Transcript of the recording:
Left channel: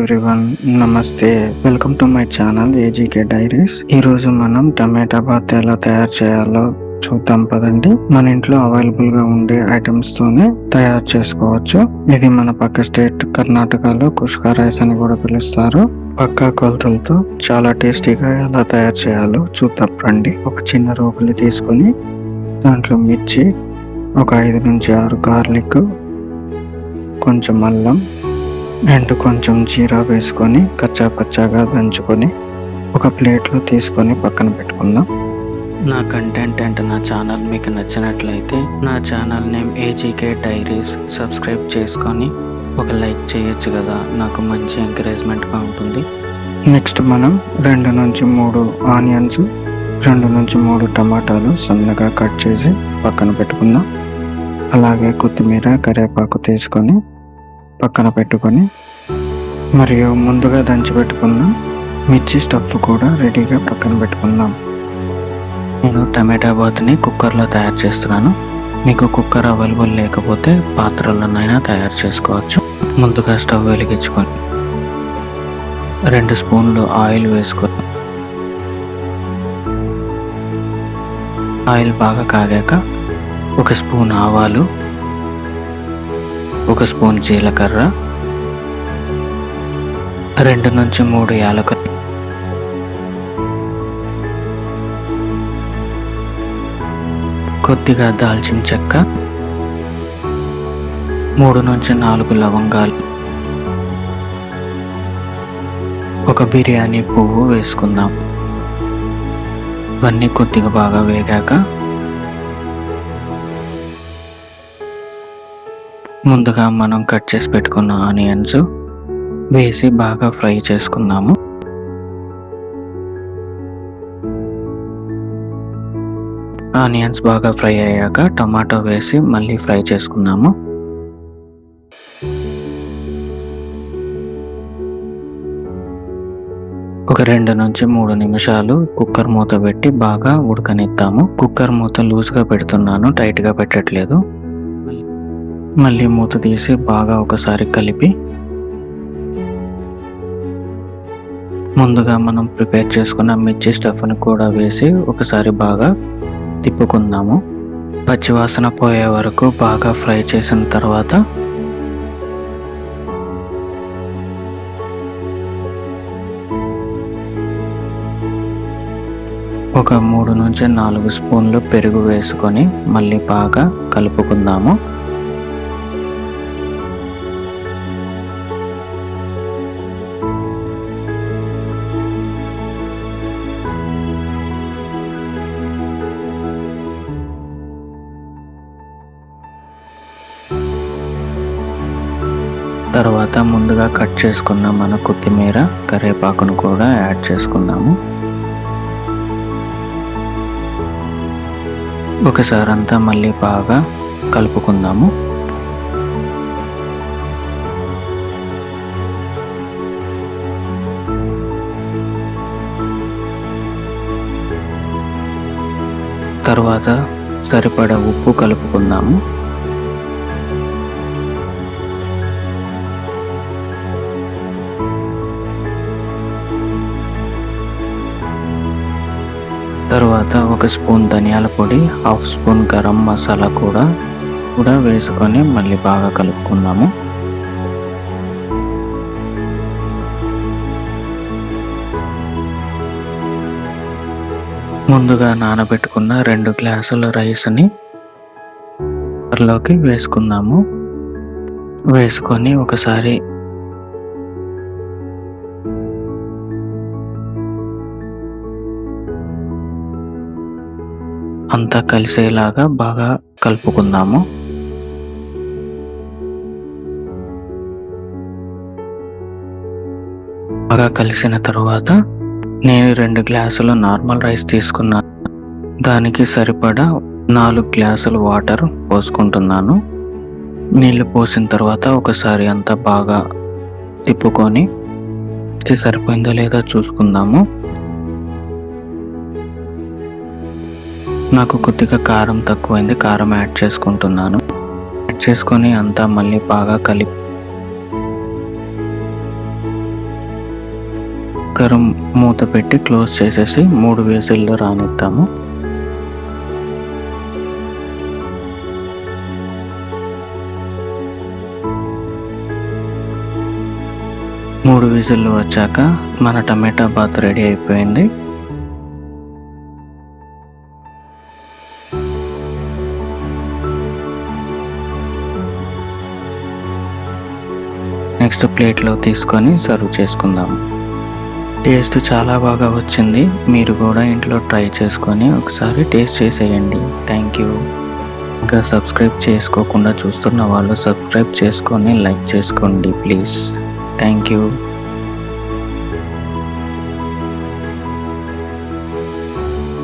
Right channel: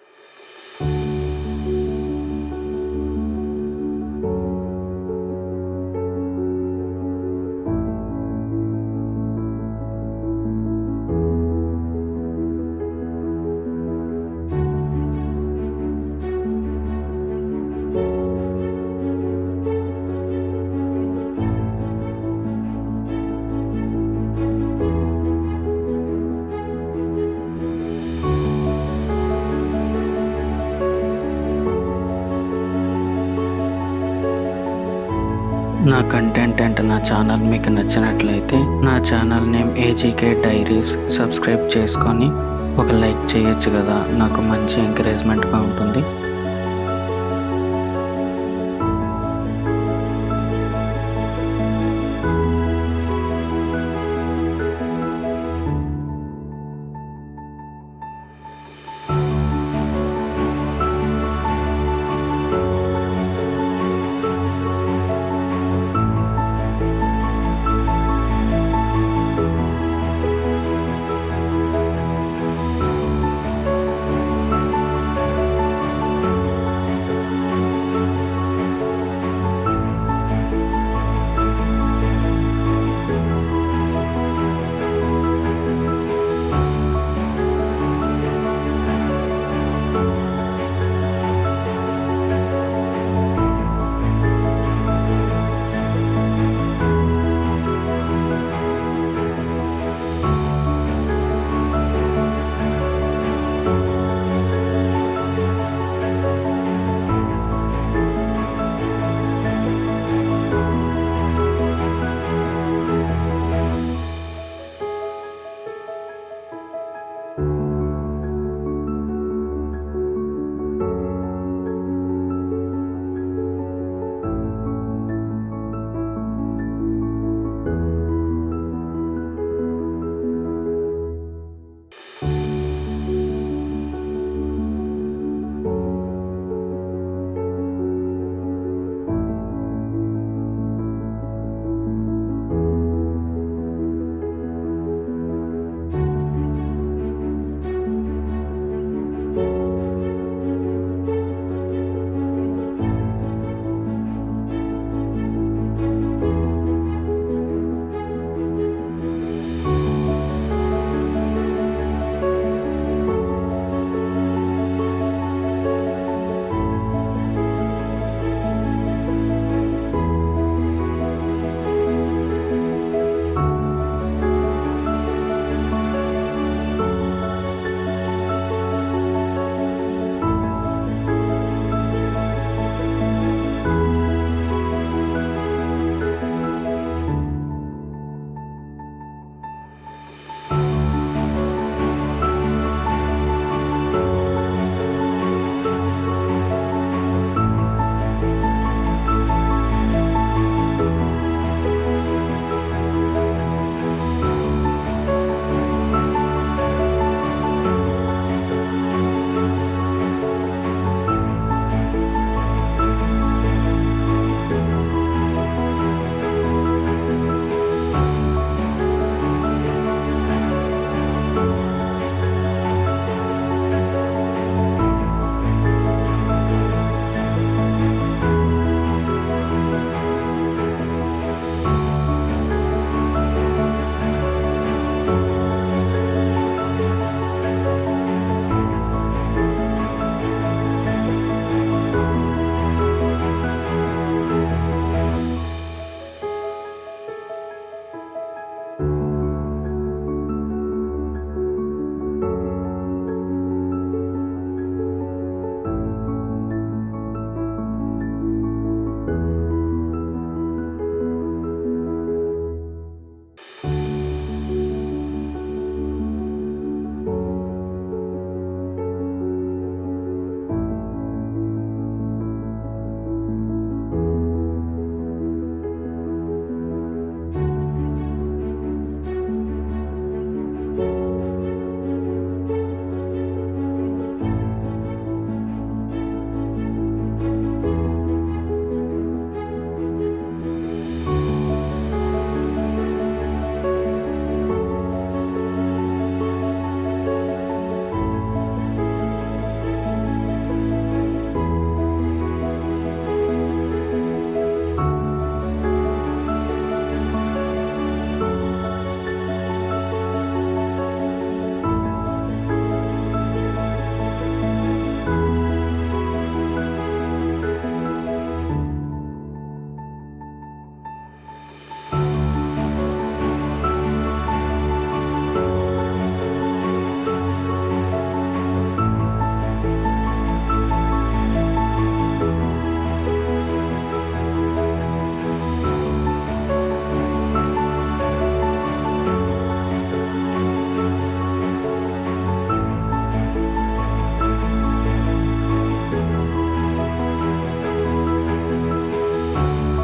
Everyone, నమస్తే. Welcome to my channel ఏజీకే diaries. ఈరోజు మనం టమాటా బాత్ ఎలా తయారు చేయాలో చూద్దాం పదండి. మన ఇంట్లో అవైలబుల్ గా ఉండే ఐటమ్స్ తోనే తయారు చేసుకోవచ్చు. ఇది మన పక్క స్టేట్ కర్ణాటకలో కుష్కా రైస్ అని కూడా పిలుస్తారు. పక్కా కొలతలతో చాలా టేస్టీగా ఎలా తయారు చేయాలో చూద్దాం రండి. ఒక చిన్న రోగులు తీసుకొని దాంట్లో మిర్చి, ఒక 5 నుంచి 6 గార్లిక్, కొంచెం అల్లం అండ్ కొంచెం జీరా వేసుకొని కచ్చా పచ్చాగా దంచుకొని ఒక ప్లేట్లో తీసుకొని పక్కన పెట్టుకుందాం. నా కంటెంట్ అండ్ నా ఛానల్ మీకు నచ్చినట్లయితే నా ఛానల్ నేమ్ ఏజీకే డైరీస్ సబ్స్క్రైబ్ చేసుకొని ఒక లైక్ చేయొచ్చు కదా, నాకు మంచి ఎంకరేజ్మెంట్గా ఉంటుంది. నెక్స్ట్ మనం 2 నుంచి 3 ఆనియన్స్, 2 నుంచి 3 టమాటాలు సన్నగా కట్ చేసి పక్కన పెట్టుకుందాం. అలాగే కొత్తిమీర, కరివేపాకు తీసుకొని పక్కన పెట్టుకొని మరియు ముందుగా దంచి పెట్టుకున్న మిర్చి స్టఫ్ కూడా రెడీగా పక్కన పెట్టుకుందాం. నేను టమాటా బాత్ని కుక్కర్లో తయారు చేస్తున్నాను. మీకు కుక్కర్ అవైలబుల్ లేకపోతే పాత్రలోనైనా తయారు చేసుకోవచ్చు. ముందుగా స్టవ్ వెలిగించుకొని 2 స్పూన్లు ఆయిల్ వేసుకొని ఆయిల్ బాగా కాగాక 1 స్పూన్ ఆవాలు, 1 స్పూన్ జీలకర్ర, 2 నుంచి 3 యాలకులు, కొద్దిగా దాల్చిన చెక్క, 3 నుంచి 4 లవంగాలు, ఒక బిర్యానీ పువ్వు వేసుకుందాం. ఇవన్నీ కొద్దిగా బాగా వేగాక ముందుగా మనం కట్ చేసి పెట్టుకున్న ఆనియన్స్ వేసి బాగా ఫ్రై చేసుకుందాము. ఆనియన్స్ బాగా ఫ్రై అయ్యాక టమాటో వేసి మళ్ళీ ఫ్రై చేసుకుందాము. ఒక 2 నుంచి 3 నిమిషాలు కుక్కర్ మూత పెట్టి బాగా ఉడకనిద్దాము. కుక్కర్ మూత లూజ్గా పెడుతున్నాను, టైట్గా పెట్టట్లేదు. మళ్ళీ మూత తీసి బాగా ఒకసారి కలిపి ముందుగా మనం ప్రిపేర్ చేసుకున్న మిర్చి స్టఫ్ని కూడా వేసి ఒకసారి బాగా తిప్పుకుందాము. పచ్చివాసన పోయే వరకు బాగా ఫ్రై చేసిన తర్వాత ఒక 3 నుంచి 4 స్పూన్లు పెరుగు వేసుకొని మళ్ళీ బాగా కలుపుకుందాము. తర్వాత ముందుగా కట్ చేసుకున్న మన కొత్తిమీర, కరివేపాకును కూడా యాడ్ చేసుకుందాము. ఒకసారి అంతా మళ్ళీ బాగా కలుపుకుందాము. తర్వాత సరిపడా ఉప్పు కలుపుకుందాము. తర్వాత 1 స్పూన్ ధనియాల పొడి, 1/2 స్పూన్ గరం మసాలా కూడా వేసుకొని మళ్ళీ బాగా కలుపుకుందాము. ముందుగా నానబెట్టుకున్న 2 గ్లాసుల రైస్ని కుక్కర్లోకి వేసుకుందాము. వేసుకొని ఒకసారి అంతా కలిసేలాగా బాగా కలుపుకుందాము. బాగా కలిసిన తర్వాత నేను 2 గ్లాసులు నార్మల్ రైస్ తీసుకున్నాను. దానికి సరిపడా 4 గ్లాసులు వాటర్ పోసుకుంటున్నాను. నీళ్ళు పోసిన తర్వాత ఒకసారి అంతా బాగా తిప్పుకొని సరిపోయిందో లేదో చూసుకుందాము. నాకు కొద్దిగా కారం తక్కువైంది, కారం యాడ్ చేసుకుంటున్నాను. యాడ్ చేసుకొని అంతా మళ్ళీ బాగా కలిపి కుక్కర్ మూత పెట్టి క్లోజ్ చేసేసి 3 విజిల్లు రానిద్దాము. మూడు విజిల్లు వచ్చాక మన టమాటా బాత్ రెడీ అయిపోయింది. నెక్స్ట్ ప్లేట్లో తీసుకొని సర్వ్ చేసుకుందాం. టేస్ట్ చాలా బాగా వచ్చింది. మీరు కూడా ఇంట్లో ట్రై చేసుకొని ఒకసారి టేస్ట్ చేసేయండి. Thank you. ఇంకా సబ్స్క్రైబ్ చేసుకోకుండా చూస్తున్న వాళ్ళు సబ్స్క్రైబ్ చేసుకొని లైక్ చేసుకోండి ప్లీజ్. Thank you.